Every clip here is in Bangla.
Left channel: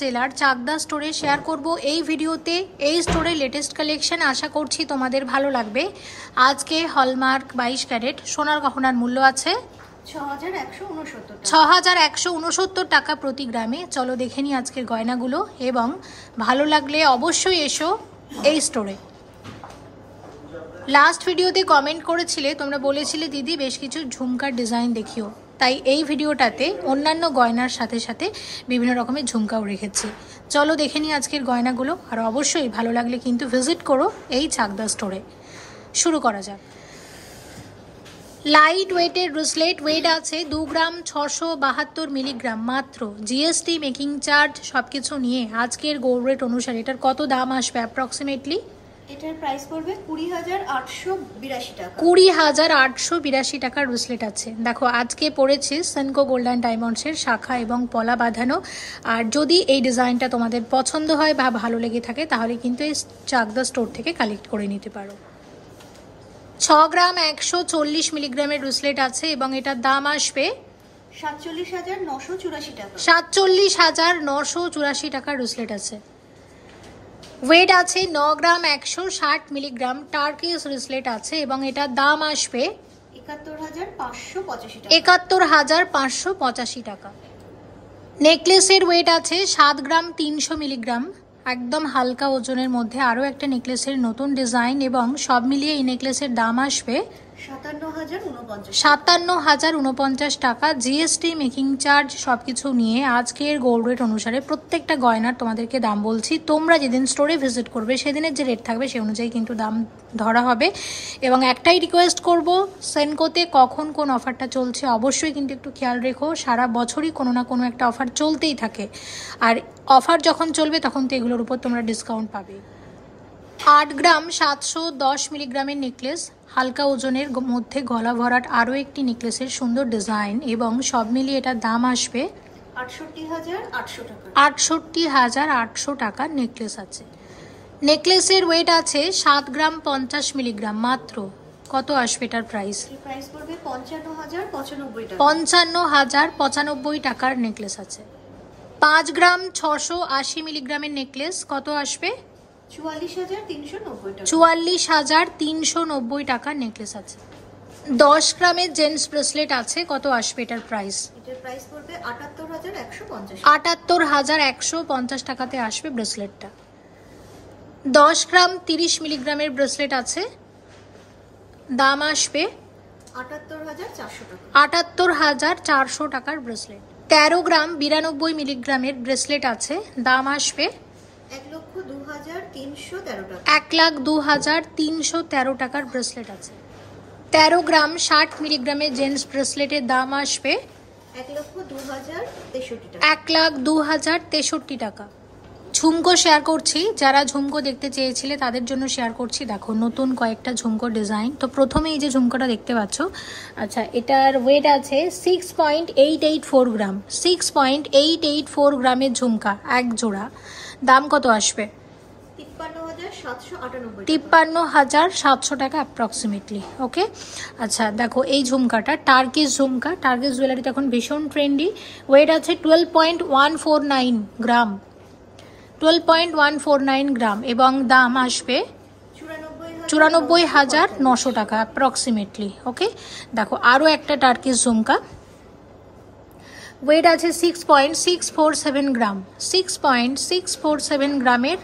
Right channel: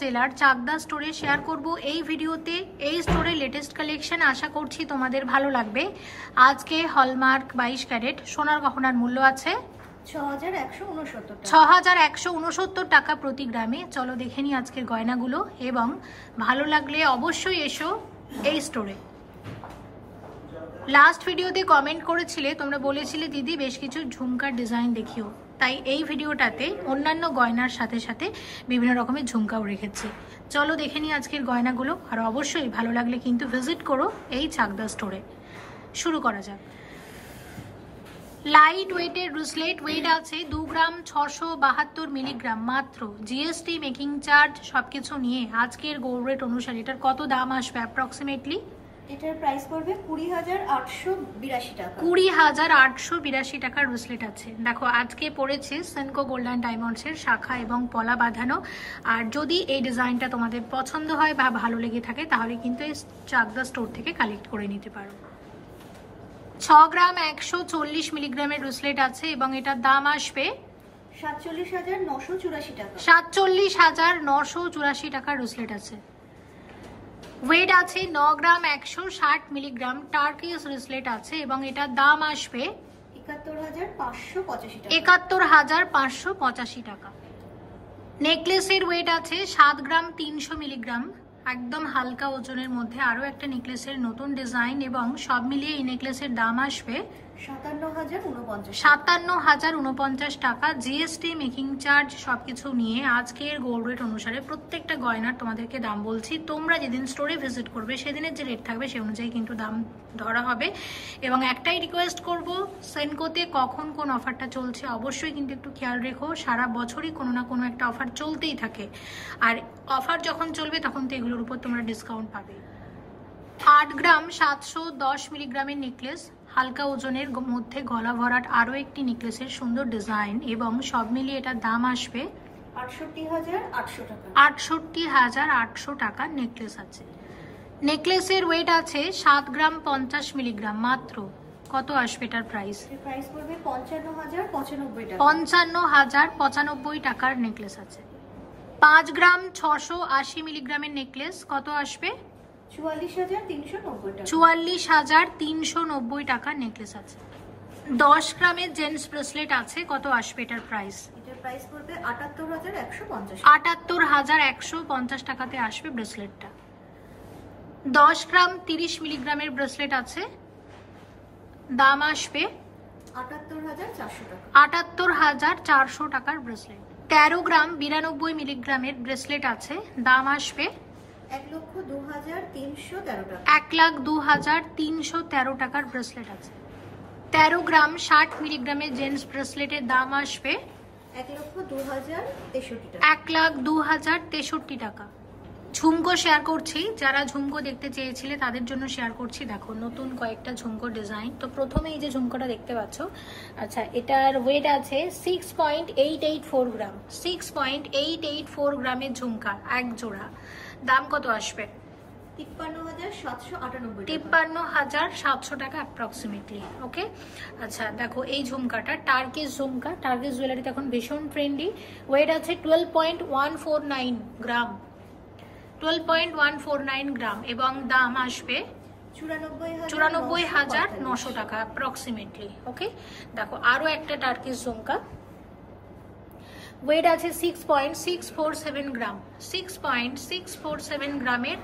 জেলার চাকদা স্টোরে শেয়ার করব এই ভিডিওতে। এই স্টোরের লেটেস্ট কালেকশন আশা করছি তোমাদের ভালো লাগবে। আজকে হলমার্ক 22 ক্যারেট সোনার গহনার মূল্য আছে 6169 টাকা প্রতি গ্রামে। চলো দেখে নিই আজকের গয়নাগুলো, এবং ভালো লাগলে অবশ্যই এসো এই স্টোরে। লাস্ট ভিডিওতে কমেন্ট করেছিলে, তোমরা বলেছিলে দিদি বেশ কিছু ঝুমকার ডিজাইন দেখিও, তাই এই ভিডিওটাতে অন্যান্য গয়নার সাথে সাথে বিভিন্ন রকমের ঝুমকাও রেখেছি। চলো দেখে নিই আজকের গয়নাগুলো, আর অবশ্যই ভালো লাগলে কিন্তু ভিজিট করো এই চাকদা স্টোরে। শুরু করা যাক। লাইট ওয়েটের ব্রেসলেট, ওয়েট আছে 2 গ্রাম 672 মিলিগ্রাম মাত্র। জিএসটি, মেকিং চার্জ সবকিছু নিয়ে আজকের গোল্ড রেট অনুসারে এটার কত দাম আসবে অ্যাপ্রক্সিমেটলি? এটার প্রাইস পড়বে 20,882 টাকা। 20,882 টাকার ব্রেসলেট আছে। দেখো আজকে পড়েছে সেনকো গোল্ড অ্যান্ড ডায়মন্ডসের শাখা এবং পলা বাঁধানো। আর যদি এই ডিজাইনটা তোমাদের পছন্দ হয় বা ভালো লেগে থাকে তাহলে কিন্তু এই চাকদা স্টোর থেকে কালেক্ট করে নিতে পারো। 6 গ্রাম 140 মিলিগ্রামের ব্রেসলেট আছে এবং এটার দাম আসবে 47,984 টাকা। 47,984 টাকার ব্রেসলেট আছে। ওয়েট আছে 9 গ্রাম 160 মিলিগ্রাম টার্কিস ব্রেসলেট আছে এবং এটার দাম আসবে 71,585 টাকা। নেকলেসের ওয়েট আছে 7 গ্রাম 300 মিলিগ্রাম, একদম হালকা ওজনের মধ্যে আরও একটা নেকলেসের নতুন ডিজাইন, এবং সব মিলিয়ে এই নেকলেসের দাম আসবে 57,049 টাকা। জিএসটি, মেকিং চার্জ সবকিছু নিয়ে আজকের গোল্ড রেট অনুসারে প্রত্যেকটা গয়নার তোমাদেরকে দাম বলছি। তোমরা যেদিন স্টোরে ভিজিট করবে সেদিনের যে রেট থাকবে সেই অনুযায়ী কিন্তু দাম ধরা হবে। এবং একটাই রিকোয়েস্ট করব, সেনকোতে কখন কোন অফারটা চলছে অবশ্যই কিন্তু একটু খেয়াল রেখো। সারা বছরই কোনো না কোনো একটা অফার চলতেই থাকে, আর অফার যখন চলবে তখন তো এগুলোর উপর তোমরা ডিসকাউন্ট পাবে। 8 গ্রাম 710 মিলিগ্রামের নেকলেস, হালকা ওজনের মধ্যে গলা ভরাট আরও একটি নেকলেসের সুন্দর ডিজাইন, এবং সব মিলিয়ে এটার দাম আসবে 68,800 টাকার নেকলেস আছে। নেকলেসের ওয়েট আছে 7 গ্রাম 50 মিলিগ্রাম মাত্র। কত আসবে এটার প্রাইস? প্রাইস পড়বে 55,095 টাকা। 55,095 টাকার নেকলেস আছে। 5 গ্রাম 680 মিলিগ্রামের নেকলেস, কত আসবে? 44,390 টাকার নেকলেস আছে। 10 গ্রামের জেন্টস ব্রেসলেট আছে, কত আসবে এটার প্রাইস? এটার প্রাইস পড়বে 78,150 78,150 টাকাতে আসবে ব্রেসলেটটা। 10 গ্রাম 30 মিলিগ্রামের ব্রেসলেট আছে, দাম আসবে 78,400 টাকা। 78,400 টাকার ব্রেসলেট। 13 গ্রাম 92 মিলিগ্রামের ব্রেসলেট আছে, দাম আসবে 1,02,313 টাকা। 1,02,313 টাকার ব্রেসলেট আছে। 13 গ্রাম 60 মিলিগ্রামের জেন্টস ব্রেসলেটের দাম আসবে 1,02,063 টাকা। ঝুমকো শেয়ার করছি, যারা ঝুমকো দেখতে চেয়েছিলে তাদের জন্য শেয়ার করছি। দেখো নতুন কয়েকটা ঝুমকো ডিজাইন। তো প্রথমে এই যে ঝুমকোটা দেখতে পাচ্ছ, আচ্ছা এটার ওয়েট আছে 6.884 গ্রাম। 6.884 গ্রামের ঝুমকা এক জোড়া, দাম কত আসবে? 53,798 টাকা অ্যাপ্রক্সিমেটলি। ওকে, আচ্ছা দেখো এই ঝুমকাটা টার্কিস ঝুমকা। টার্কিস জুয়েলারিতে এখন ভীষণ ট্রেন্ডি। ওয়েট আছে 12.149 গ্রাম, 12.149 গ্রাম, এবং দাম আসবে 94,900 টাকা অ্যাপ্রক্সিমেটলি। ওকে, দেখো আরও একটা টার্কিস ঝুমকা। ওয়েট আছে 6.647 গ্রাম। 6.647 গ্রামের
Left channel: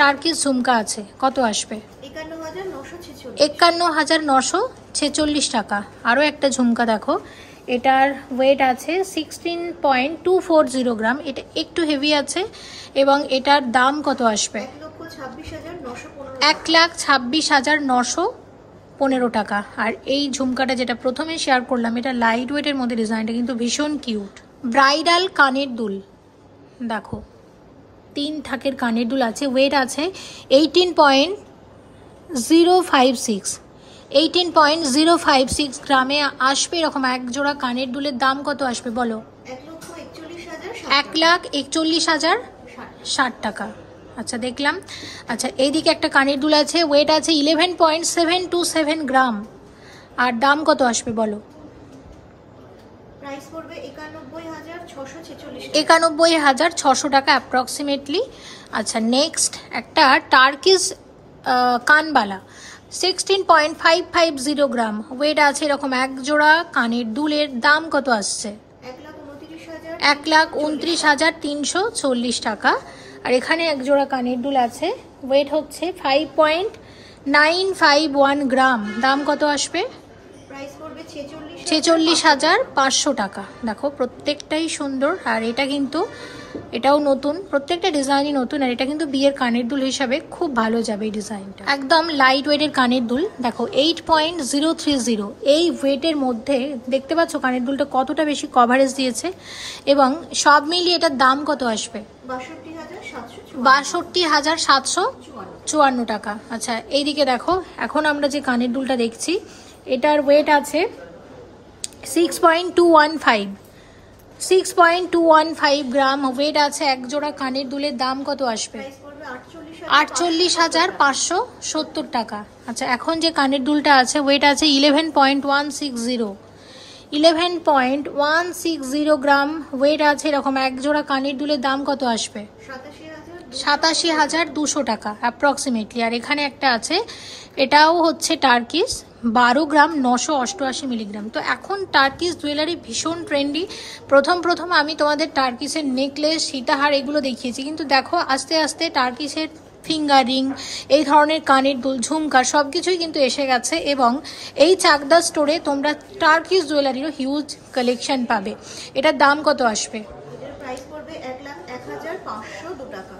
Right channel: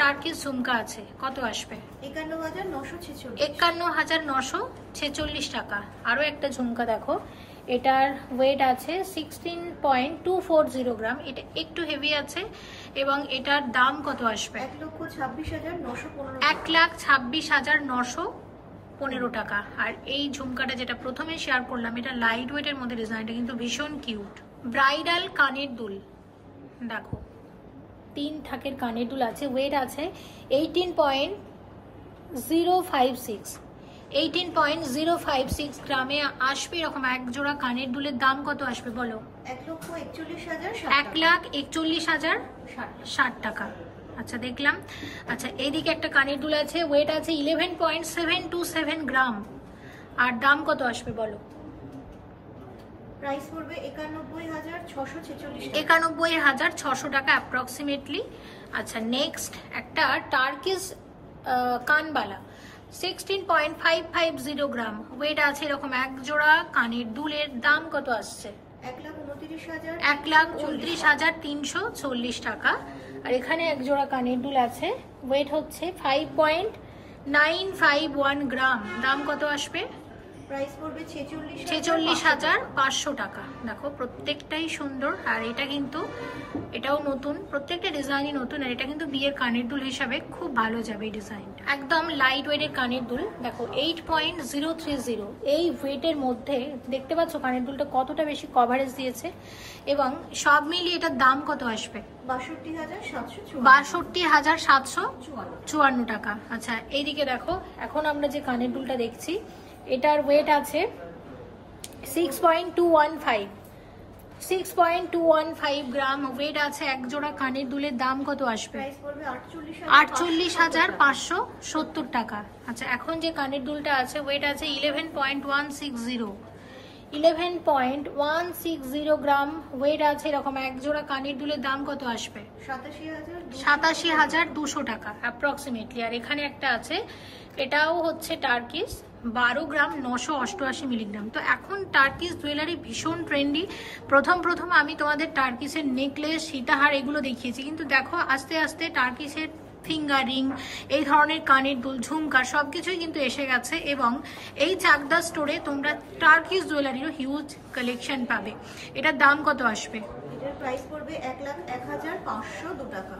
টার্কিস ঝুমকা আছে, কত আসবে? 51,946 টাকা। আরও একটা ঝুমকা দেখো, এটার ওয়েট আছে 16.240 গ্রাম। এটা একটু হেভি আছে এবং এটার দাম কত আসবে? 1,26,915 টাকা। আর এই ঝুমকাটা যেটা প্রথমে শেয়ার করলাম, এটা লাইট ওয়েটের মধ্যে, ডিজাইনটা কিন্তু ভীষণ কিউট। ব্রাইডাল কানের দুল, দেখো 3 থাকের কানের দুল আছে। ওয়েট আছে 18.056 গ্রামে আসবে। এরকম এক জোড়া কানের দুলের দাম কত আসবে বলো? 1,41,060 টাকা। আচ্ছা দেখলাম। আচ্ছা এইদিকে একটা কানের দুল আছে, ওয়েট আছে 11.727 গ্রাম, আর দাম কত আসবে বলো? প্রাইস পড়বে 91,646 91,600 টাকা অ্যাপ্রক্সিমেটলি। আচ্ছা, নেক্সট একটা টার্কিশ কানবালা 16.550 গ্রাম, ওয়েট আছে এরকম এক জোড়া কানের দুলের দাম কত আসছে? 1,29,340 টাকা। আর এখানে এক জোড়া কানের দুল আছে, ওয়েট হচ্ছে 5.951 গ্রাম, দাম কত আসবে? প্রাইস পড়বে 46,500 টাকা। দেখো প্রত্যেকটাই সুন্দর, আর এটা কিন্তু এটাও নতুন, প্রত্যেকটা ডিজাইনই নতুন, আর এটা কিন্তু বিয়ের কানের দুল হিসাবে খুব ভালো যাবে এই ডিজাইনটা। একদম লাইট ওয়েটের কানের দুল, দেখো 8.030, এই ওয়েটের মধ্যে দেখতে পাচ্ছ কানের দুলটা কতটা বেশি কভারেজ দিয়েছে, এবং সব মিলিয়ে এটার দাম কত আসবে? 62,754 টাকা। আচ্ছা, এইদিকে দেখো, এখন আমরা যে কানের দুলটা দেখছি এটার ওয়েট আছে 6.215 গ্রাম, ওয়েট আছে এক জোড়া কানের দুলের দাম কত আসবে? 48,570 টাকা। আচ্ছা, এখন যে কানের দুলটা আছে ওয়েট আছে 11.160 গ্রাম, ওয়েট আছে এরকম এক জোড়া কানের দুলের দাম কত আসবে? 87,200 টাকা অ্যাপ্রক্সিমেটলি। আর এখানে একটা আছে, এটাও হচ্ছে টার্কিশ, 12 গ্রাম 988 মিলিগ্রাম। তো এখন টার্কিশ জুয়েলারি ভীষণ ট্রেন্ডি। প্রথম আমি তোমাদের টার্কিশের নেকলেস, সীতাহার এগুলো দেখিয়েছি, কিন্তু দেখো আস্তে আস্তে টার্কিশের ফিঙ্গার রিং, এই ধরনের কানের দুল, ঝুমকা সব কিছুই কিন্তু এসে গেছে, এবং এই চাকদা স্টোরে তোমরা টার্কিশ জুয়েলারিরও হিউজ কালেকশন পাবে। এটার দাম কত আসবে? প্রাইস পড়বে 1,01,502 টাকা।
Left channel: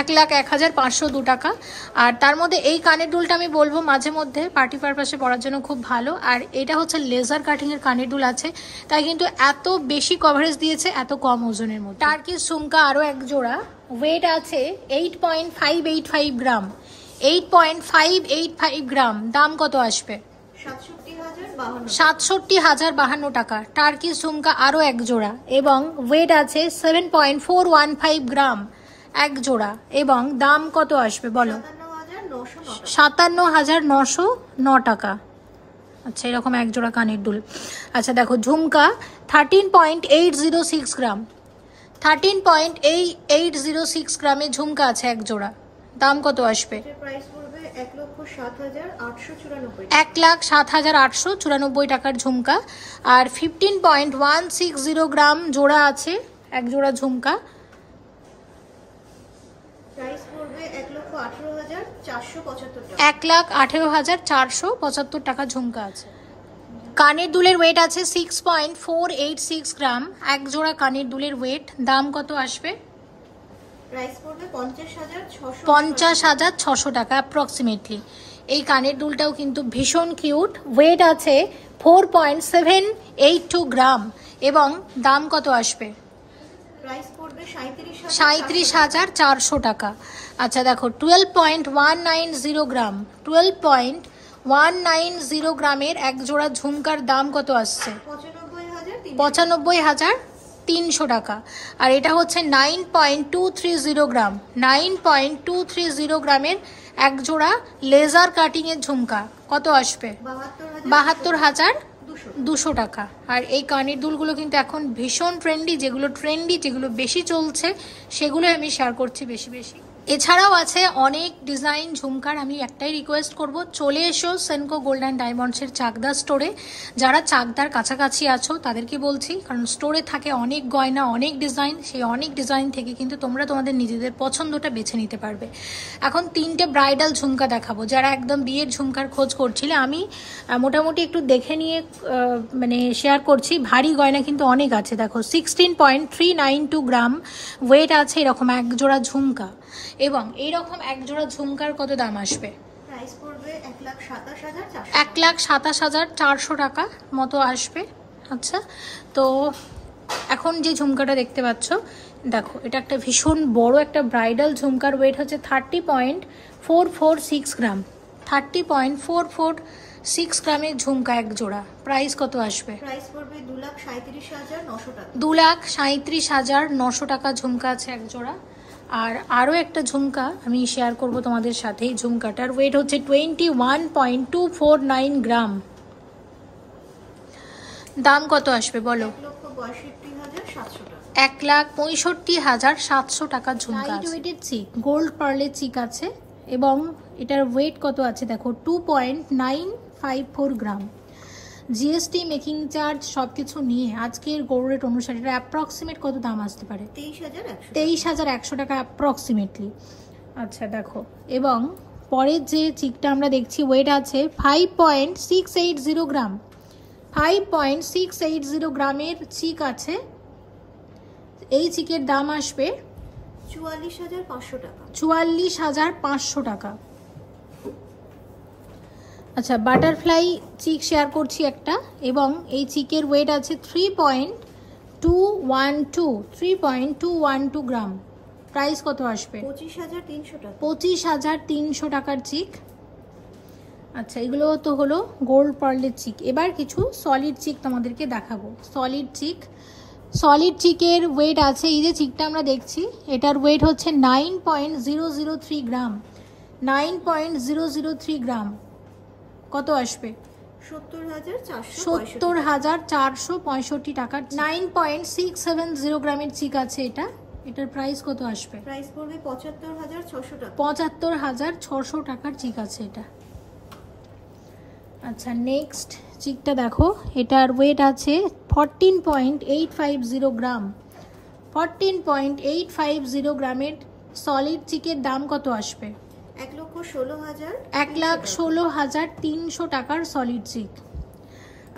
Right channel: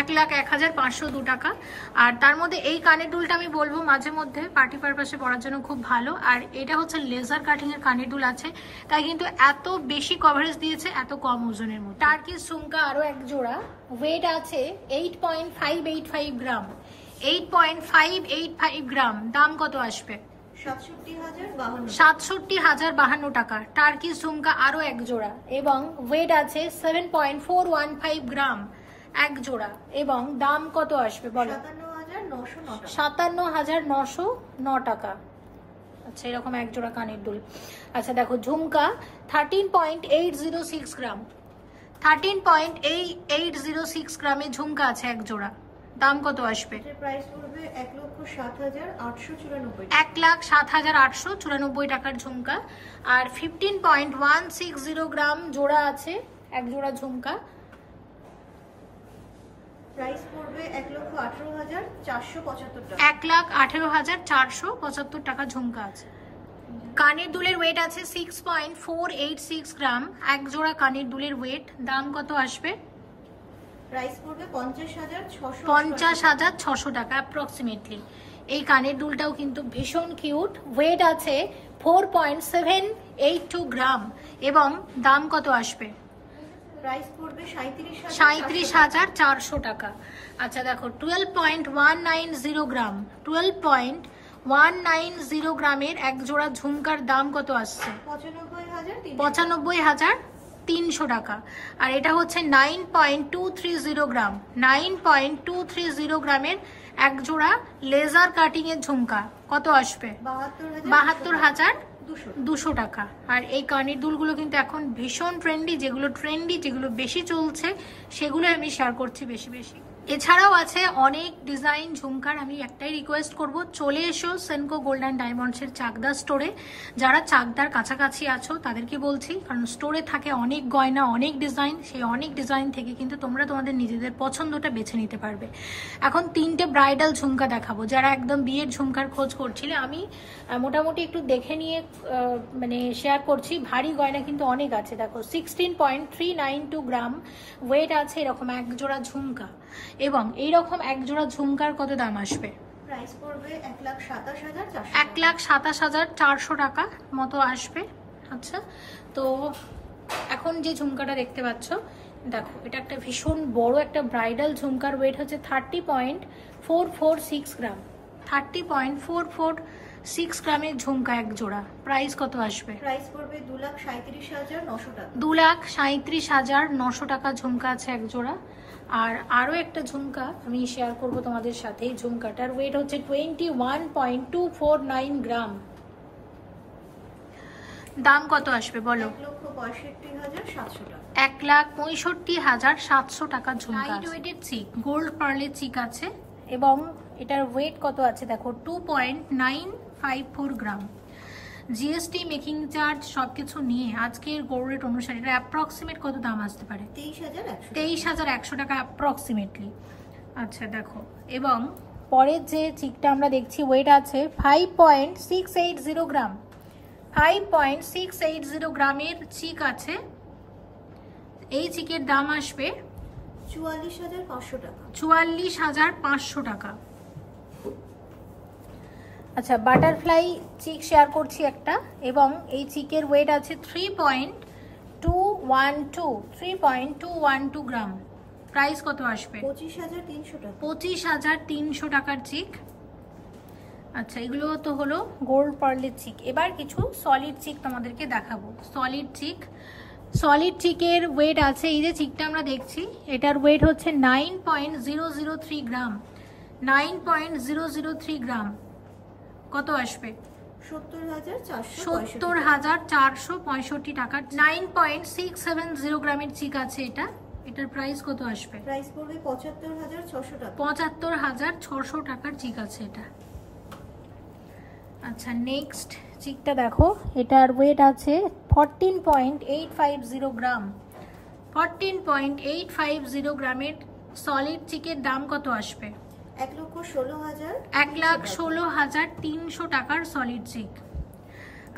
1,01,502 টাকা। আর তার মধ্যে এই কানের দুলটা আমি বলবো মাঝে মধ্যে পার্টি পারপাসে পরার জন্য খুব ভালো, আর এটা হচ্ছে লেজার কাটিং এর কানের দুল আছে, তাই কিন্তু এত বেশি কভারেজ দিয়েছে এত কম ওজনের মধ্যে। টার্কিশ ঝুমকা আরো এক জোড়া, ওয়েট আছে 8.585 গ্রাম, 8.585 গ্রাম, দাম কত আসবে? 67,052 টাকা। টার্কিশ ঝুমকা আরো এক জোড়া, এবং ওয়েট আছে 7.415 গ্রাম এক জোড়া, এবং দাম কত আসবে বলো? 57,909 টাকা। আচ্ছা, এরকম এক জোড়া কানের দুল। আচ্ছা দেখো, ঝুমকা 13.806 গ্রাম, 13.806 গ্রামের ঝুমকা আছে এক জোড়া, দাম কত আসবে? 1,07,894 টাকার ঝুমকা। আর 15.160 গ্রাম জোড়া আছে এক জোড়া ঝুমকা, প্রাইস পড়বে 1,18,475 টাকা। 1,18,475 টাকা ঝুমকা আছে। কানের দুলের ওয়েট আছে 6.486 গ্রাম, এক জোড়া কানের দুলের ওয়েট, দাম কত আসবে? প্রাইস পড়বে 50,600 টাকা অ্যাপ্রক্সিমেটলি। এই কানের দুলটাও কিন্তু ভীষণ কিউট, ওয়েট আছে 4.782 গ্রাম, এবং দাম কত আসবে? প্রাইস পড়বে 37,400 টাকা। আচ্ছা দেখো, 12.190 গ্রাম, 12.190 গ্রামের এক জোড়া ঝুমকার দাম কত আসছে? 95,300 টাকা। আর এটা হচ্ছে 9.230 গ্রাম, 9.230 গ্রামের এক জোড়া লেজার কাটিং এর ঝুমকা, কত আসবে? 72,200 টাকা। আর এই কানের দুলগুলো কিন্তু এখন ভীষণ ট্রেন্ডি, যেগুলো বেশি চলছে সেগুলো আমি শেয়ার করছি বেশি বেশি। এছাড়াও আছে অনেক ডিজাইন ঝুমকার। আমি একটাই রিকোয়েস্ট করব, চলে এসো সেনকো গোল্ড অ্যান্ড ডায়মন্ডসের চাকদা স্টোরে। যারা চাকদার কাছাকাছি আছো তাদেরকে বলছি, কারণ স্টোরে থাকে অনেক গয়না, অনেক ডিজাইন, সেই অনেক ডিজাইন থেকে কিন্তু তোমরা তোমাদের নিজেদের পছন্দটা বেছে নিতে পারবে। এখন 3টে ব্রাইডাল ঝুমকা দেখাবো, যারা একদম বিয়ের ঝুমকার খোঁজ করছিলে। আমি মোটামুটি একটু দেখে নিয়ে মানে শেয়ার করছি। ভারী গয়না কিন্তু অনেক আছে। দেখো 16.392 গ্রাম, ওয়েট আছে এরকম এক জোড়া ঝুমকা, এবং এইরকম এক জোড়া ঝুমকার কত দাম আসবে? প্রাইস পড়বে 1,27,400 1,27,400 টাকা মতো আসবে। আচ্ছা, তো এখন যে ঝুমকাটা দেখতে পাচ্ছ, দেখো এটা একটা ভীষণ বড় একটা ব্রাইডাল ঝুমকার, ওয়েট হচ্ছে 30.446 গ্রাম, 30.446 গ্রামের ঝুমকা এক জোড়া, প্রাইস কত আসবে? প্রাইস পড়বে 2,37,900 টাকা। 2,37,900 টাকা ঝুমকা আছে এক জোড়া। আর আরও একটা ঝুমকা আমি শেয়ার করব তোমাদের সাথে। এই ঝুমকাটার ওয়েট হচ্ছে 21.249 গ্রাম, দাম কত আসবে বলো? 1,65,700 টাকা। 1,65,700 টাকার ঝুমকা। লাইট ওয়েটের চিক, গোল্ড পার্লের চিক আছে এবং এটার ওয়েট কত আছে দেখো, 2.954 গ্রাম। জিএসটি, মেকিং চার্জ সবকিছু নিয়ে আজকের গোল্ড রেট অনুসারে এটা অ্যাপ্রক্সিমেট কত দাম আসতে পারে? 23,100 টাকা অ্যাপ্রক্সিমেটলি। আচ্ছা দেখো, এবং পরের যে চিকটা আমরা দেখছি ওয়েট আছে 5.680 গ্রাম। 5.680 গ্রামের চিক আছে। এই চিকের দাম আসবে 44,500 টাকা। 44,500 টাকা। আচ্ছা, বাটারফ্লাই চিক শেয়ার করছি একটা, এবং এই চিকের ওয়েট আছে 3.212 গ্রাম। প্রাইস কত আসবে? 25,300 টাকা। 25,300 টাকার চিক। আচ্ছা, এগুলো তো হলো গোল্ড পার্লের চিক। এবার কিছু সলিড চিক তোমাদেরকে দেখাবো। সলিড চিকের ওয়েট আছে, এই যে চিকটা আমরা দেখছি এটার ওয়েট হচ্ছে 9.003 গ্রাম। 9.003 গ্রাম। কত আসবে? 70,465 টাকার। 9.670 গ্রামের চিক আছে এটা। এটার প্রাইস কত আসবে? প্রাইস পড়বে 75,600 টাকা। 75,600 টাকার চিক আছে এটা। আচ্ছা, নেক্সট চিকটা দেখো, এটার ওয়েট আছে 14.850 গ্রাম। 14.850 গ্রামের সলিড চিকের দাম কত আসবে? 1,16,300 টাকার সলিড চিক।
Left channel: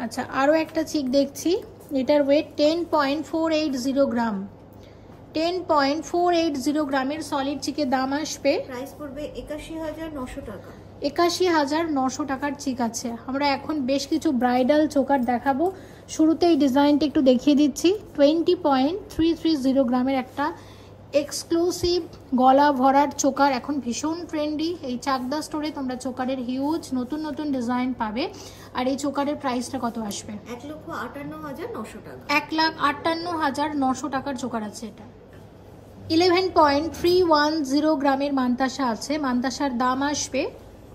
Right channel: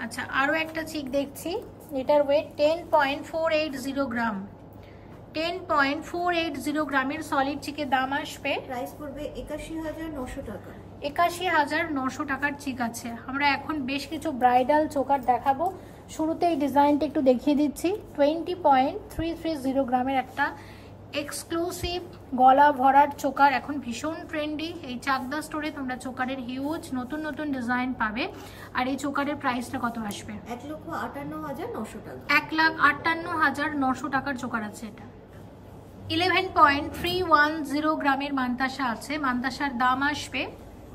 আচ্ছা, আরও একটা চিক দেখছি, এটার ওয়েট 10.480 গ্রাম। 10.480 গ্রামের সলিড চিকের দাম আসবে, প্রাইস পড়বে 81,900 টাকা। 81,900 টাকার চিক আছে। আমরা এখন বেশ কিছু ব্রাইডাল চোকার দেখাবো। শুরুতেই ডিজাইনটা একটু দেখিয়ে দিচ্ছি। 20.330 গ্রামের একটা এক্সক্লুসিভ গলা ভরার চোকার, এখন ভীষণ ট্রেন্ডি। এই চাকদা স্টোরে তোমরা চোকারের হিউজ নতুন নতুন ডিজাইন পাবে। আর এই চোকারের প্রাইসটা কত আসবে? 1,58,900 টাকা। 1,58,900 টাকার চোকার আছে এটা। 11.310 গ্রামের মান্তাসা আছে। মান্তাসার দাম আসবে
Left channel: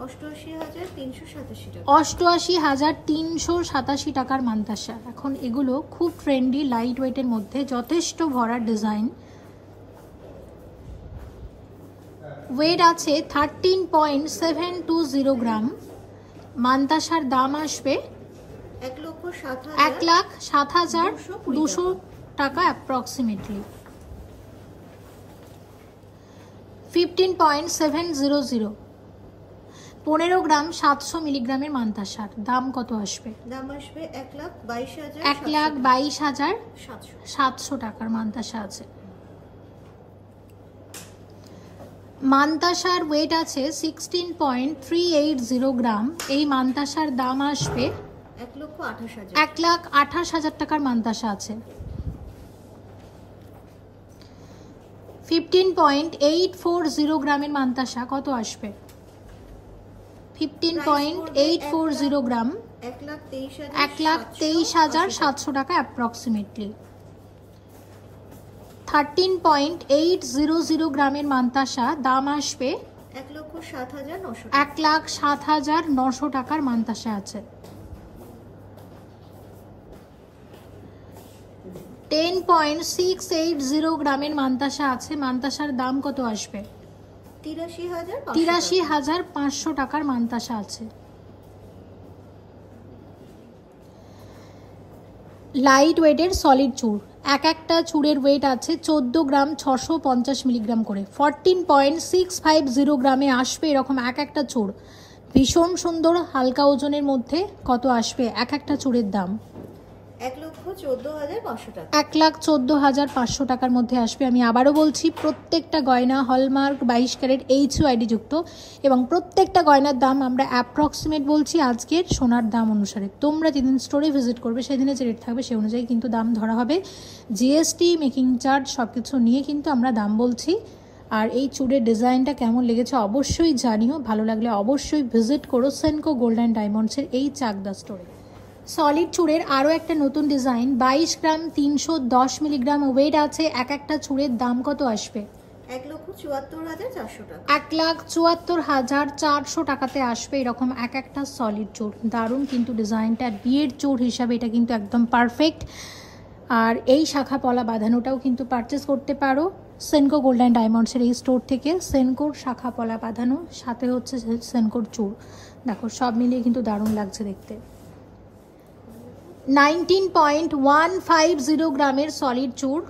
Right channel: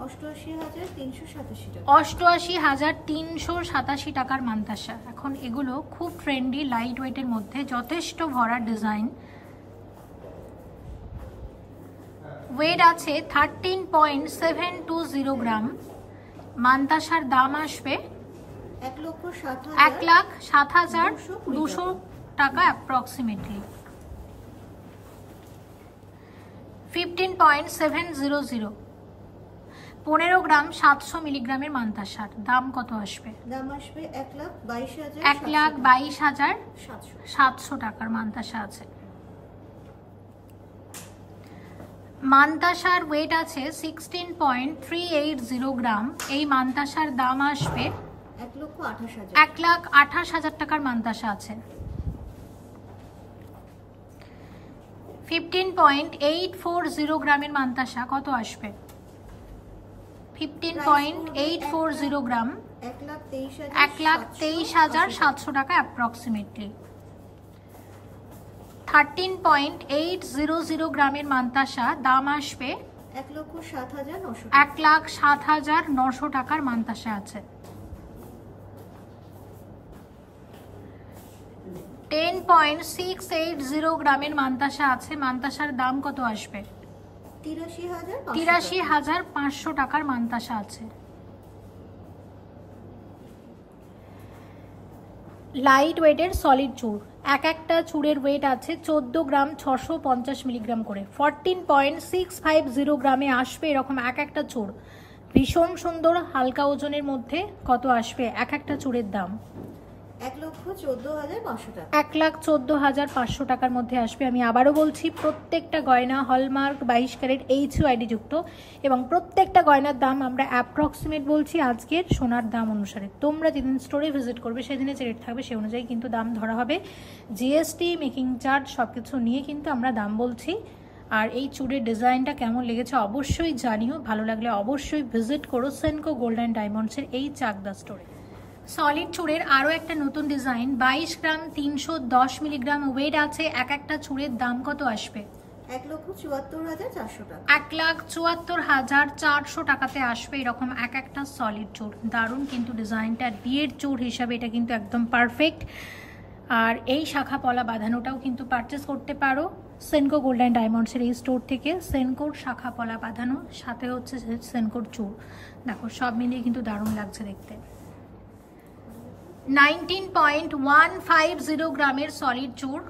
88,387 টাকা। 88,387 টাকার মান্তাসা। এখন এগুলো খুব ট্রেন্ডি, লাইট ওয়েটের মধ্যে যথেষ্ট ভরার ডিজাইন। ওয়েট আছে 13.720 গ্রাম। মান্তাসার দাম আসবে 1,07,200 টাকা অ্যাপ্রক্সিমেটলি। 15.700 15 গ্রাম 700 মিলিগ্রামের মান্তাসার দাম কত আসবে? দাম আসবে 1,22,700 টাকার মান্তাসা আছে। মান্তাসার ওয়েট আছে 16.380 গ্রাম। এই মান্তাসার দাম আসবে 1,28,000 টাকার মান্তাসা আছে। 15.840 গ্রামের মান্তাসা কত আসবে? 15.840 গ্রাম 1,23,700 টাকা অ্যাপ্রক্সিমেটলি। 13.800 গ্রামের মান্তাসা দাম আসবে 1,07,900 টাকার মান্তাসা আছে। 10.680 গ্রামের মান্তাসা আছে। মান্তাসার দাম কত আসবে? 83,500 টাকার মান্তাসা আছে। লাইট ওয়েটের সলিড চুড়, এক একটা চুড়ের ওয়েট আছে 14 গ্রাম 650 মিলিগ্রাম করে। 14.650 গ্রামে আসবে এরকম এক একটা চুড়। ভীষণ সুন্দর হালকা ওজনের মধ্যে। কত আসবে এক একটা চুড়ের দাম? 1,14,500 টাকা। 1,14,500 টাকার মধ্যে আসবে। আমি আবারও বলছি, প্রত্যেকটা গয়না হলমার্ক 22 ক্যারেট HUID যুক্ত, এবং প্রত্যেকটা গয়নার দাম আমরা অ্যাপ্রক্সিমেট বলছি আজকের সোনার দাম অনুসারে। তোমরা যেদিন স্টোরে ভিজিট করবে সেদিনে যে রেট থাকবে সেই অনুযায়ী কিন্তু দাম ধরা হবে। জিএসটি, মেকিং চার্জ সব কিছু নিয়ে কিন্তু আমরা দাম বলছি। আর এই চুড়ের ডিজাইনটা কেমন লেগেছে অবশ্যই জানিও। ভালো লাগলে অবশ্যই ভিজিট করো সেনকো গোল্ড অ্যান্ড ডায়মন্ডসের এই চাকদা স্টোরে। সলিড চুড়ের আরও একটা নতুন ডিজাইন, 22 গ্রাম 310 মিলিগ্রাম ওয়েট আছে। এক একটা চুড়ের দাম কত আসবে? 1,74,400 টাকা। 1,74,400 টাকাতে আসবে এরকম এক একটা সলিড চুড়। দারুণ কিন্তু ডিজাইনটা, বিয়ের চুড় হিসাবে এটা কিন্তু একদম পারফেক্ট। আর এই শাখা পলা বাঁধানোটাও কিন্তু পারচেস করতে পারো সেনকো গোল্ড অ্যান্ড ডায়মন্ডসের এই স্টোর থেকে। সেনকোর শাখা পলা বাঁধানো, সাথে হচ্ছে সেনকোর চুড়। দেখো সব মিলিয়ে কিন্তু দারুণ লাগছে দেখতে। 19.150 গ্রামের সলিড চুড়।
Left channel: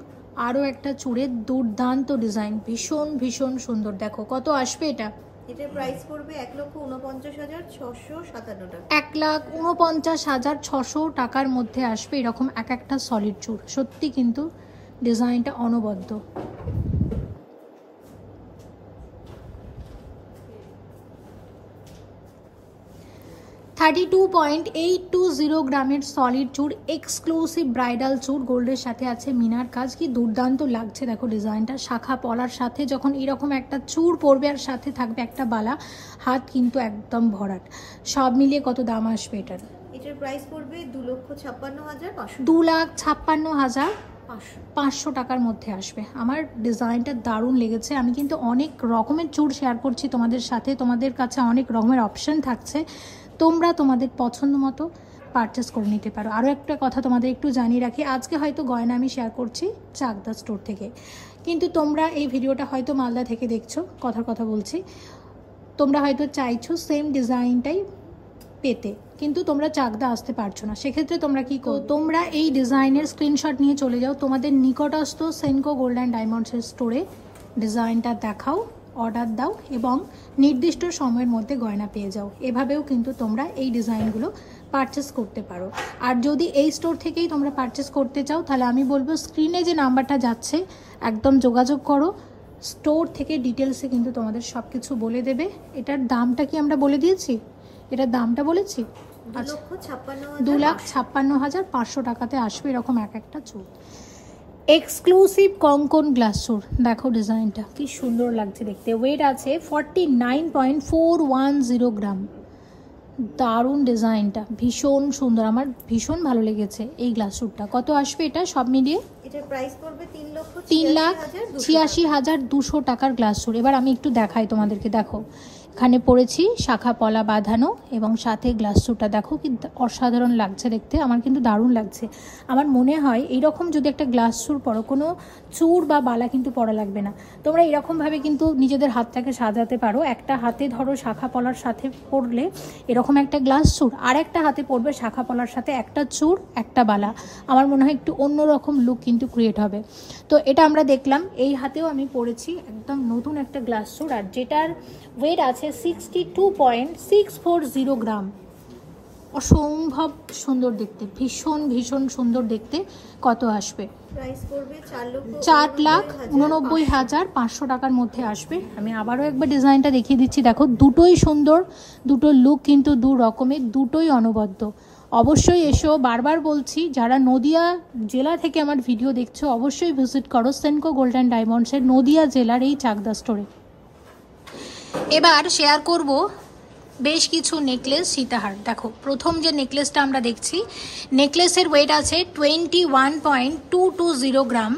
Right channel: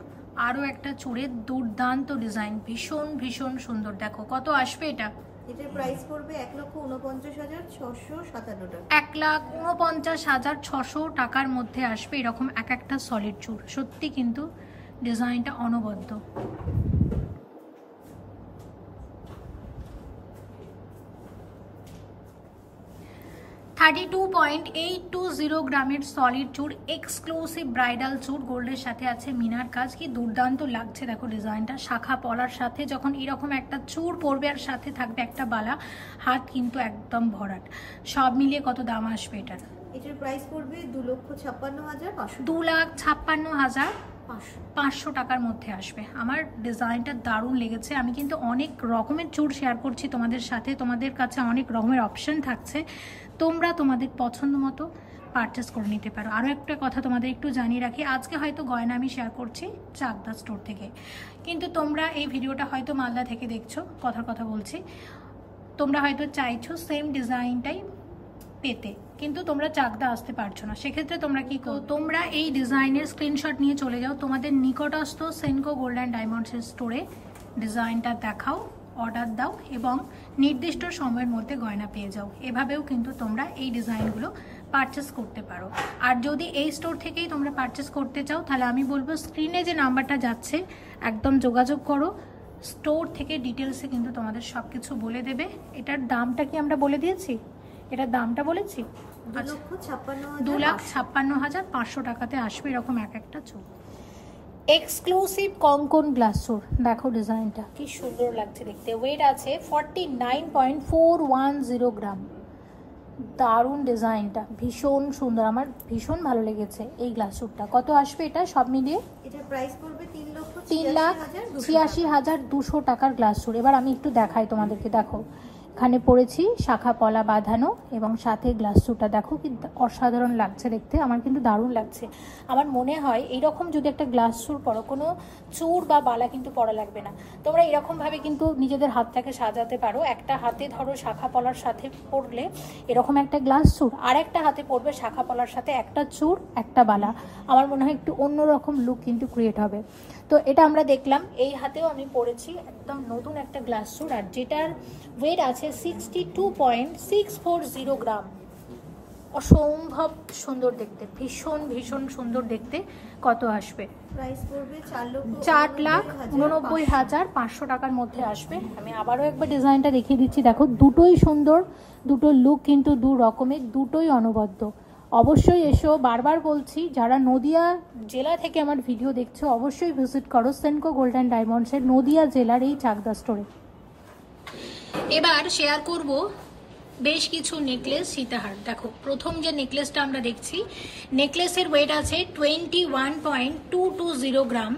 আরও একটা চুড়ের দুর্দান্ত ডিজাইন, ভীষণ ভীষণ সুন্দর। দেখো কত আসবে এটা? এটার প্রাইস পড়বে 1,49,657 টাকা। 1,49,600 টাকার মধ্যে আসবে এরকম এক একটা সলিড চুড়। সত্যি কিন্তু ডিজাইনটা অনবদ্য। 32.820 গ্রামের সলিড চুড়, এক্সক্লুসিভ ব্রাইডাল চুড়। গোল্ডের সাথে আছে মিনার কাজ, কি দুর্দান্ত লাগছে দেখো ডিজাইনটা। শাখা পলার সাথে যখন এরকম একটা চুড় পরবে আর সাথে থাকবে একটা বালা, হাত কিন্তু একদম ভরাট। সব মিলিয়ে কত দাম আসবে এটার? এটার প্রাইস পড়বে 2,56,500। 2,56,500 টাকার মধ্যে আসবে। আমার ডিজাইনটা দারুণ লেগেছে। আমি কিন্তু অনেক রকমের চুড় শেয়ার করছি তোমাদের সাথে, তোমাদের কাছে অনেক রকমের অপশন থাকছে, তোমরা তোমাদের পছন্দ মতো পারচেস করে নিতে পারো। আরও একটা কথা তোমাদের একটু জানিয়ে রাখি, আজকে হয়তো গয়না আমি শেয়ার করছি চাকদা স্টোর থেকে, কিন্তু তোমরা এই ভিডিওটা হয়তো মালদা থেকে দেখছো, কথার কথা বলছি, তোমরা হয়তো চাইছো সেম ডিজাইনটাই পেতে, কিন্তু তোমরা চাকদা আসতে পারছো না। সেক্ষেত্রে তোমরা কি করো, তোমরা এই ডিজাইনের স্ক্রিনশট নিয়ে চলে যাও তোমাদের নিকটস্থ সেনকো গোল্ড অ্যান্ড ডায়মন্ডসের স্টোরে, ডিজাইনটা দেখাও, অর্ডার দাও এবং নির্দিষ্ট সময়ের মধ্যে গয়না পেয়ে যাও। এভাবেও কিন্তু তোমরা এই ডিজাইনগুলো পারচেস করতে পারো। আর যদি এই স্টোর থেকেই তোমরা পারচেস করতে চাও, তাহলে আমি বলবো স্ক্রিনে যে নাম্বারটা যাচ্ছে একদম যোগাযোগ করো। স্টোর থেকে ডিটেলসে কিন্তু তোমাদের সব কিছু বলে দেবে। এটার দামটা কি আমরা বলে দিয়েছি? এটার দামটা বলেছি, 2,56,500 টাকাতে আসবে এরকম এক একটা চুল। এক্সক্লুসিভ কঙ্কন গ্লাস চুড়, দেখো ডিজাইনটা কি সুন্দর লাগছে দেখতে। ওয়েট আছে 49.410 গ্রাম। দারুণ ডিজাইনটা, ভীষণ সুন্দর, আমার ভীষণ ভালো লেগেছে এই গ্লাস চুড়টা। কত আসবে এটা সব মিলিয়ে? এটার প্রাইস পড়বে 3,86,200 টাকার গ্লাস চুড়। এবার আমি একটু দেখাই তোমাদেরকে, দেখো এখানে পড়েছি শাখা পলা বাঁধানো এবং সাথে গ্লাস চুড়টা দেখো কি অসাধারণ লাগছে দেখতে। আমার কিন্তু দারুণ লাগছে। আমার মনে হয় এইরকম যদি একটা গ্লাস চুড় পরো, কোনো চুড় বা বালা কিন্তু পরা লাগবে না, তোমরা এরকমভাবে কিন্তু নিজেদের হাতটাকে সাজাতে পারো। একটা হাতে ধরো শাখা পলার সাথে পরলে এরকম একটা গ্লাস চুড়, আর একটা হাতে পরবে শাখা পলার সাথে একটা চুড় একটা বালা। আমার মনে হয় একটু অন্যরকম লুক কিন্তু ক্রিয়েট হবে। তো এটা আমরা দেখলাম। এই হাতেও আমি পরেছি একদম নতুন একটা গ্লাস চুড়, আর যেটার ওয়েট আছে 62.640 গ্রাম। অসম্ভব সুন্দর দেখতে, ভীষণ ভীষণ সুন্দর দেখতে। কত আসবে? প্রাইস পড়বে 4,89,500 টাকার মধ্যে আসবে। আমি আবারও একবার ডিজাইনটা দেখিয়ে দিচ্ছি, দেখো দুটোই সুন্দর, দুটো লুক কিন্তু দু রকমের, দুটোই অনবদ্য। অবশ্যই এসো, বারবার বলছি, যারা নদিয়া জেলা থেকে আমার ভিডিও দেখছো অবশ্যই ভিজিট করো সেনকো গোল্ড অ্যান্ড ডায়মন্ডসের নদিয়া জেলার এই চাকদা স্টোরে। এবার শেয়ার করব বেশ কিছু নেকলেস, সীতাহার। দেখো প্রথম যে নেকলেসটা আমরা দেখছি, নেকলেসের ওয়েট আছে 21.220 গ্রাম।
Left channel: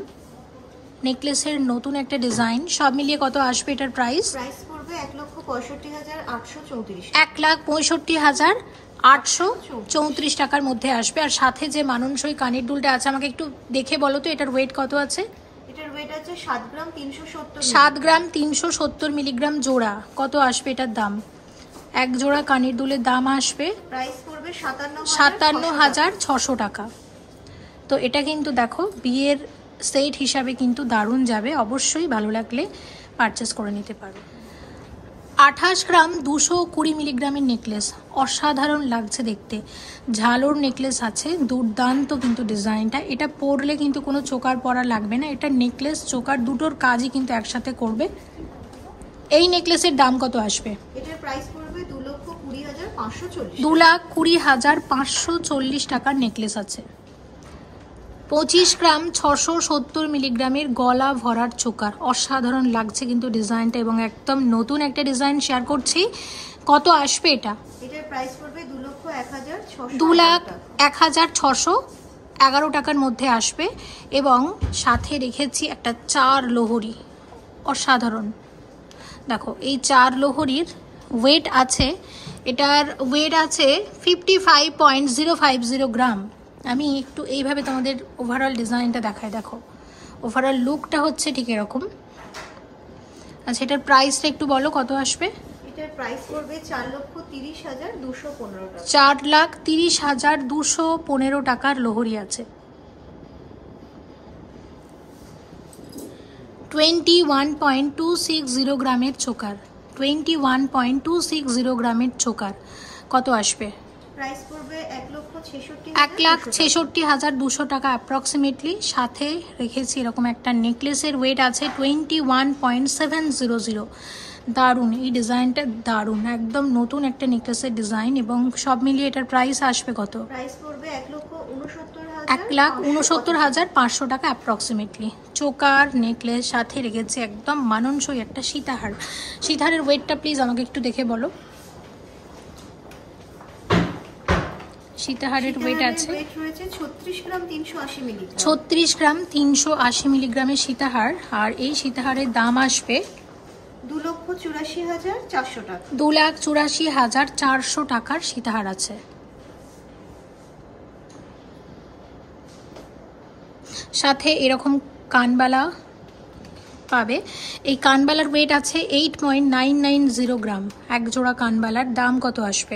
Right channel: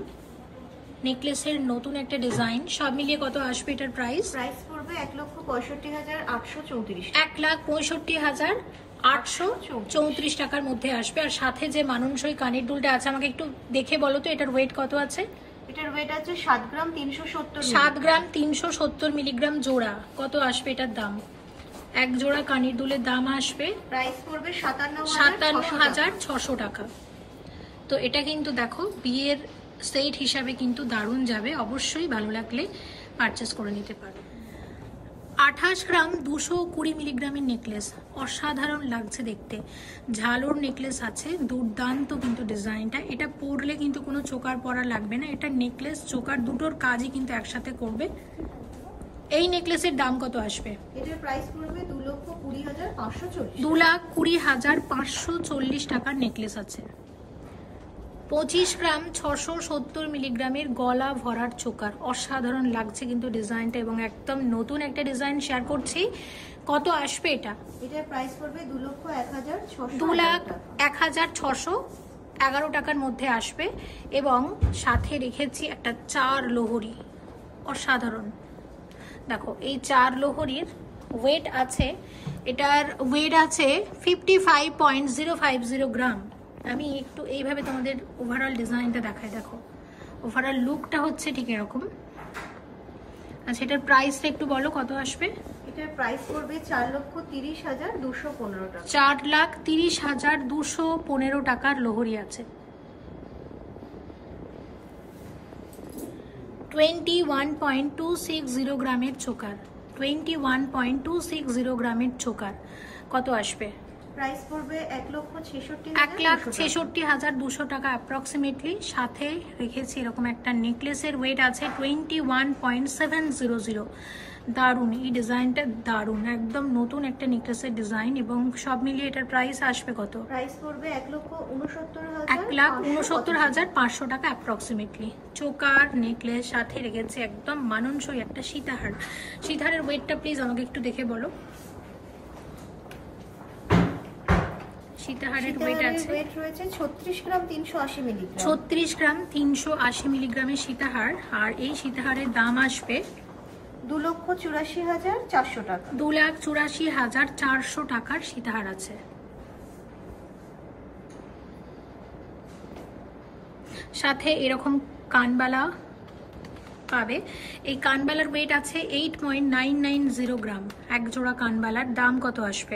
নেকলেসের নতুন একটা ডিজাইন। সব মিলিয়ে কত আসবে এটার প্রাইস? প্রাইস পড়বে 1,65,834। 1,65,834 টাকার মধ্যে আসবে। আর সাথে যে মানানসই কানের দুলটা আছে, আমাকে একটু দেখে বলো তো এটার ওয়েট কত আছে? এটার ওয়েট আছে 7 গ্রাম 370। 7 গ্রাম 370 মিলিগ্রাম জোড়া। কত আসবে এটার দাম? এক জোড়া কানের দুলের দাম আসবে প্রাইস পড়বে 57,600 টাকা। তো এটা কিন্তু দেখো বিয়ের সেট হিসাবে কিন্তু দারুণ যাবে। অবশ্যই ভালো লাগলে পারচেস করে নিতে পারো। 28 গ্রাম 220 মিলিগ্রামের নেকলেস, অসাধারণ লাগছে দেখতে। ঝালোর নেকলেস আছে, দুর্দান্ত কিন্তু ডিজাইনটা। এটা পরলে কিন্তু কোনো চোকার পরা লাগবে না। এটা নেকলেস চোকার দুটোর কাজই কিন্তু একসাথে করবে। এই নেকলেসের দাম কত আসবে? এটার প্রাইস পড়বে 2,20,540। 2,20,540 টাকার নেকলেস আছে। 25 গ্রাম 670 মিলিগ্রামের গলা ভরার চোকার, অসাধারণ লাগছে কিন্তু ডিজাইনটা, এবং একদম নতুন একটা ডিজাইন শেয়ার করছি। কত আসবে এটা? এটার প্রাইস পড়বে 2,01,600। 2,01,611 টাকার মধ্যে আসবে। এবং সাথে রেখেছি একটা 4 লোহরি, অসাধারণ। দেখো এই 4 লহরীর ওয়েট আছে, এটার ওয়েট আছে 55.050 গ্রাম। আমি একটু এইভাবে তোমাদের ওভারঅল ডিজাইনটা দেখাই। দেখো ওভারঅল লুকটা হচ্ছে ঠিক এরকম। আচ্ছা এটার প্রাইসটা একটু বলো কত আসবে? এটার প্রাইস পড়বে 4,30,215 টাকা। 4,30,215 টাকার লহরী আছে। 21.260 গ্রামের চোকার, 21.260 গ্রামের চোকার কত আসবে? প্রাইস পড়বে 1,66,200 টাকা অ্যাপ্রক্সিমেটলি। সাথে রেখেছি এরকম একটা নেকলেসের ওয়েট আছে 21.700। দারুণ, এই ডিজাইনটা দারুণ, একদম নতুন একটা নেকলেসের ডিজাইন এবং সব মিলিয়ে এটার প্রাইস আসবে কত? প্রাইস পড়বে 1,69,500 টাকা অ্যাপ্রক্সিমেটলি। চোকার নেকলেস সাথে রেখেছে একদম মানানসই একটা সীতাহার। সীতাহারের ওয়েটটা প্লিজ আমাকে একটু দেখে বলো। সীতাহারের ওয়েট আছে 36 গ্রাম 380 মিলিগ্রাম। 36 গ্রাম 380 মিলিগ্রামের সীতাহার। আর এই সীতাহারের দাম আসবে 2,84,400 টাকা। 2,84,400 টাকার সীতাহার আছে। সাথে এরকম কানবালা পাবে। এই কানবালার ওয়েট আছে 8.990 গ্রাম। এক জোড়া কানবালার দাম কত আসবে?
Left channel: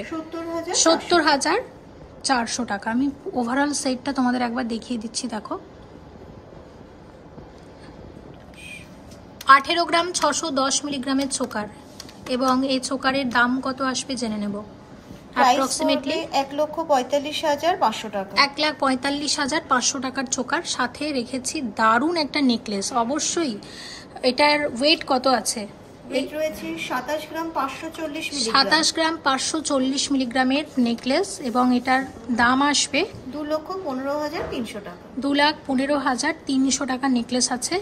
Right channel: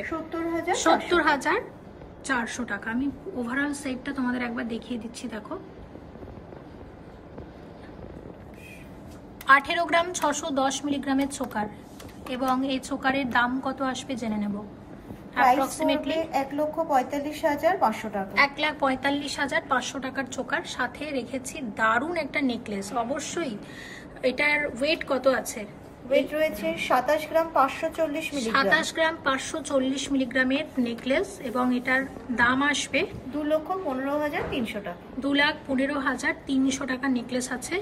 70,400 টাকা। আমি ওভারঅল সেটটা তোমাদের একবার দেখিয়ে দিচ্ছি। দেখো 18 গ্রাম 610 মিলিগ্রামের চোকার এবং এই চোকারের দাম কত আসবে জেনে নেব। অ্যাপ্রক্সিমেটলি 1,45,500 টাকা। 1,45,500 টাকার চোকার। সাথে রেখেছি দারুণ একটা নেকলেস। অবশ্যই এটার ওয়েট কত আছে? ওয়েট রয়েছে 27 গ্রাম 540 মিলিগ্রাম। 27 গ্রাম 540 মিলিগ্রামের নেকলেস এবং এটার দাম আসবে 2,15,300 টাকা। 2,15,300 টাকা নেকলেস আছে।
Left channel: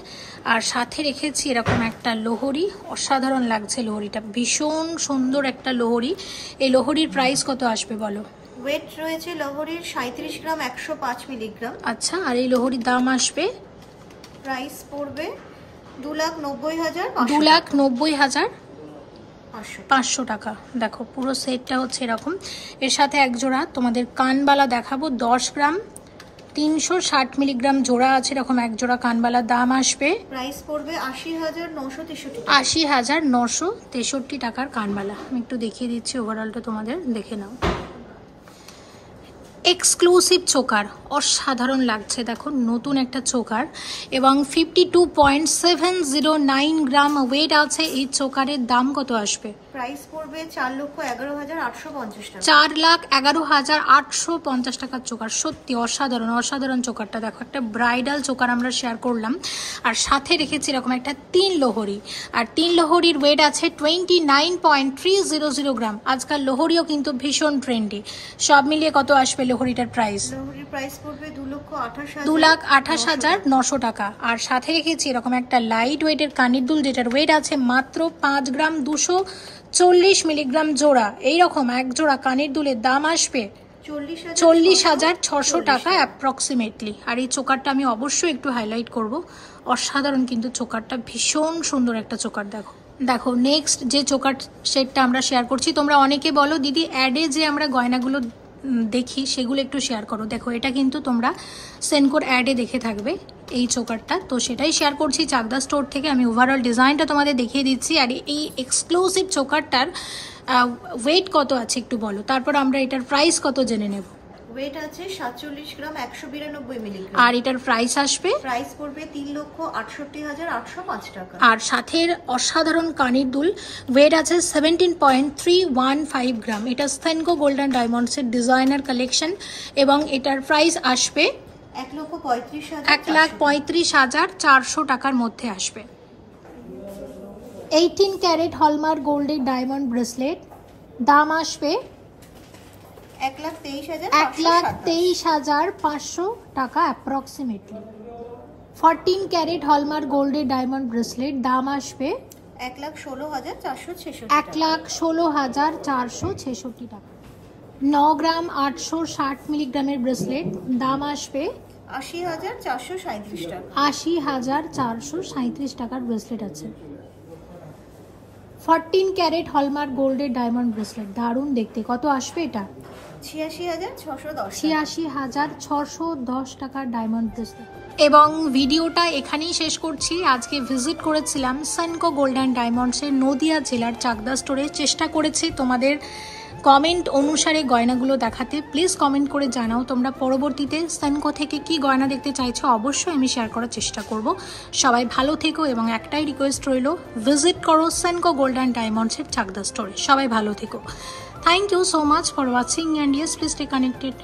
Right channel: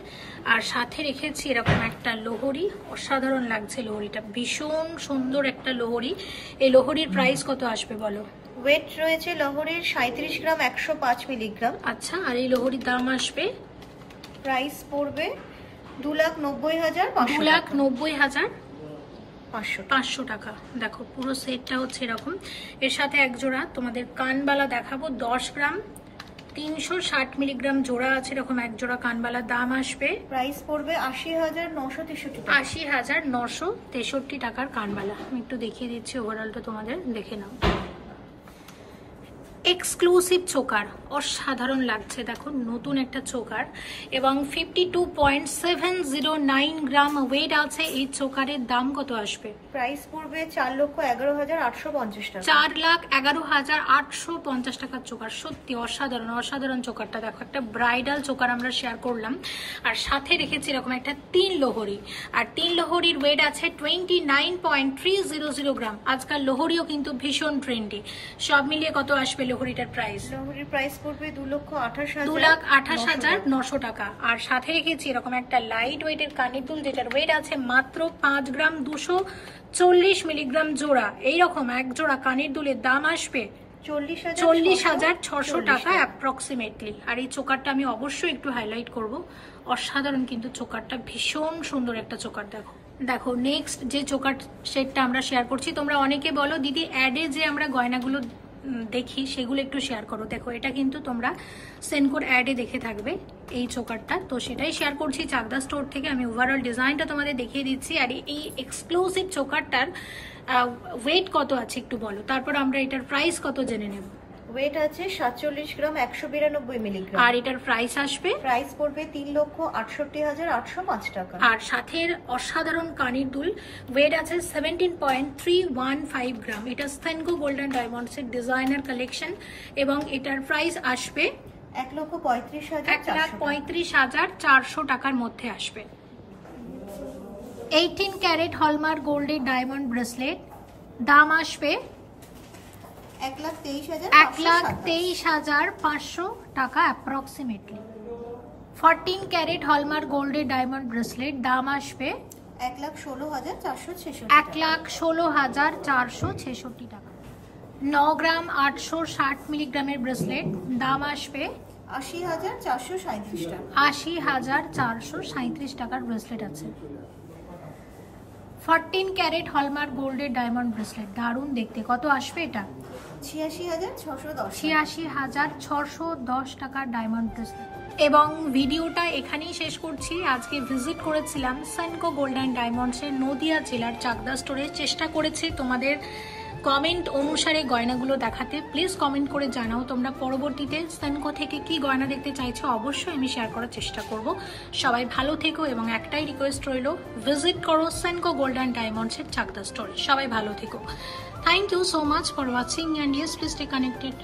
আর সাথে রেখেছি এরকম একটা লোহরি। অসাধারণ লাগছে লোহরিটা, ভীষণ সুন্দর একটা লোহরি। এই লোহরির প্রাইস কত আসবে বলো? ওয়েট রয়েছে লোহরির 37 গ্রাম 105 মিলিগ্রাম। আচ্ছা আর এই লোহরির দাম আসবে? প্রাইস পড়বে 2,90,500 2,90,500 টাকা। দেখো পুরো সেটটা হচ্ছে এরকম। এর সাথে এক জোড়া তোমাদের কানবালা দেখাবো। 10 গ্রাম 360 মিলিগ্রাম জোড়া আছে এরকম এক জোড়া কানবালার দাম আসবে। প্রাইস পড়বে 80,963 টাকা। 80,963 টাকার কানবালা। আমি একটু দেখিয়ে দিচ্ছি ওভারঅলটা তোমাদের দেখে নাও। এক্সক্লুসিভ চোকার, অসাধারণ লাগছে। দেখো নতুন একটা চোকার এবং 52.709 গ্রাম ওয়েট আছে। এই চোকারের দাম কত আসবে? প্রাইস পড়বে 4,11,850 টাকা। 4,11,850 টাকার চোকার। সত্যি অসাধারণ, অসাধারণ চোকারটা। দেখো একটা ব্রাইডাল চোকার আমরা শেয়ার করলাম। আর সাথে রেখেছি এরকম একটা 3 লোহরি। আর 3 লোহরির ওয়েট আছে 29.300 গ্রাম। আজকাল লোহরিও কিন্তু ভীষণ ট্রেন্ডি। সব মিলিয়ে কত আসবে লোহরিটার প্রাইস? লোহরির প্রাইস পড়বে 2,28,900 টাকা। আর সাথে রেখেছি এরকম একটা লাইট ওয়েটের কানের দুল যেটার ওয়েট আছে মাত্র 5 গ্রাম 240 মিলিগ্রাম জোড়া। এইরকম এক জোড়া কানের দুলের দাম আসবে 40,600 টাকা অ্যাপ্রক্সিমেটলি। আর এই চোকারটা আমি অবশ্যই একটু হাইলাইট করব। অসাধারণ কিন্তু চোকারটা, ভীষণ সুন্দর একটা চোকার। দেখো দেখো নেক্সট যে চোকার সেটটা আমরা শেয়ার করছি। তোমরা অনেকে বলো দিদি অ্যাডে যে আমরা গয়নাগুলো দেখি সেগুলো একটু শেয়ার করো। দেখো এটা কিন্তু তোমরা সেনকোর অ্যাডে দেখে থাকবে এই চোকারটা, তো সেটাই শেয়ার করছি চাকদা স্টোর থেকে। আমি ওভারঅল ডিজাইনটা তোমাদের দেখিয়ে দিচ্ছি। আর এই এক্সক্লুসিভ চোকারটার ওয়েট কত আছে একটু বলো, তারপর আমরা এটার প্রাইস কত জেনে নেব। ওয়েট আছে 47 গ্রাম 192 মিলিগ্রাম। আর এটার প্রাইস আসবে? প্রাইস পড়বে 3,68,805 টাকা। আর সাথের অসাধারণ কানের দুল, ওয়েট আছে 17.315 গ্রাম। এটা সেনকো গোল্ডেন ডায়মন্ডসের ডিজাইনার কালেকশন এবং এটার প্রাইস আসবে 1,35,400 টাকার মধ্যে আসবে। 18 ক্যারেট হলমার্ক গোল্ডের ডায়মন্ড ব্রেসলেট, দাম আসবে 1,23,500 টাকা অ্যাপ্রক্সিমেটলি। 14 ক্যারেট হলমার্ক গোল্ডের ডায়মন্ড ব্রেসলেট, দাম আসবে 1,16,466 টাকা। 9 গ্রাম 860 মিলিগ্রামের ব্রেসলেট, দাম আসবে 80,437 টাকা। 80,437 টাকার ব্রেসলেট আছে। 14 ক্যারেট হলমার্ক গোল্ডের ডায়মন্ড ব্রেসলেট, দারুণ দেখতে। কত আসবে এটা? 86,610। 86,610 টাকার ডায়মন্ড ব্রেসলেট। এবং ভিডিওটা এখানেই শেষ করছি। আজকে ভিজিট করেছিলাম সেনকো গোল্ড অ্যান্ড ডায়মন্ডসের নদিয়া জেলার চাকদা স্টোরে। চেষ্টা করেছি তোমাদের কমেন্ট অনুসারে গয়নাগুলো দেখাতে। প্লিজ কমেন্ট করে জানাও তোমরা পরবর্তীতে সেনকো থেকে কি গয়না দেখতে চাইছো, অবশ্যই আমি শেয়ার করার চেষ্টা করব। সবাই ভালো থেকো এবং একটাই রিকোয়েস্ট রইল, ভিজিট করো সেনকো গোল্ড অ্যান্ড ডায়মন্ডসের চাকদা স্টোরে। সবাই ভালো থেকো। Thank you so much for watching and yes please stay connected.